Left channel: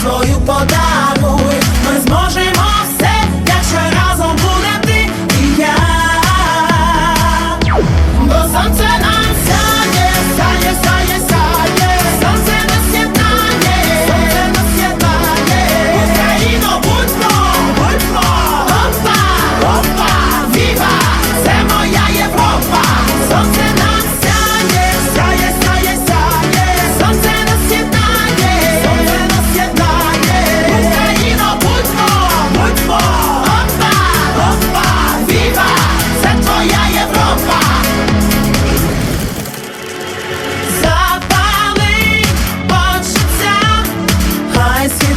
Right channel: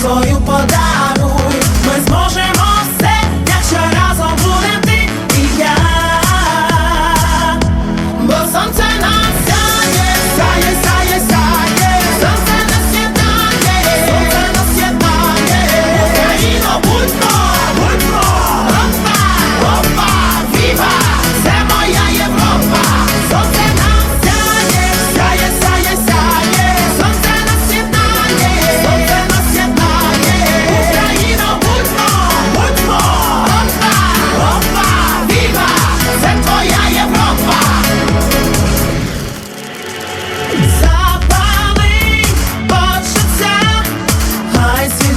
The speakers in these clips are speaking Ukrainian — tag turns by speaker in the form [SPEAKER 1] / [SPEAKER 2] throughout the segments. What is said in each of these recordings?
[SPEAKER 1] свою подаруй, ми зможемо.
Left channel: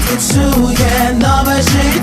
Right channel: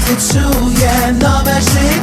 [SPEAKER 1] почує нове життя.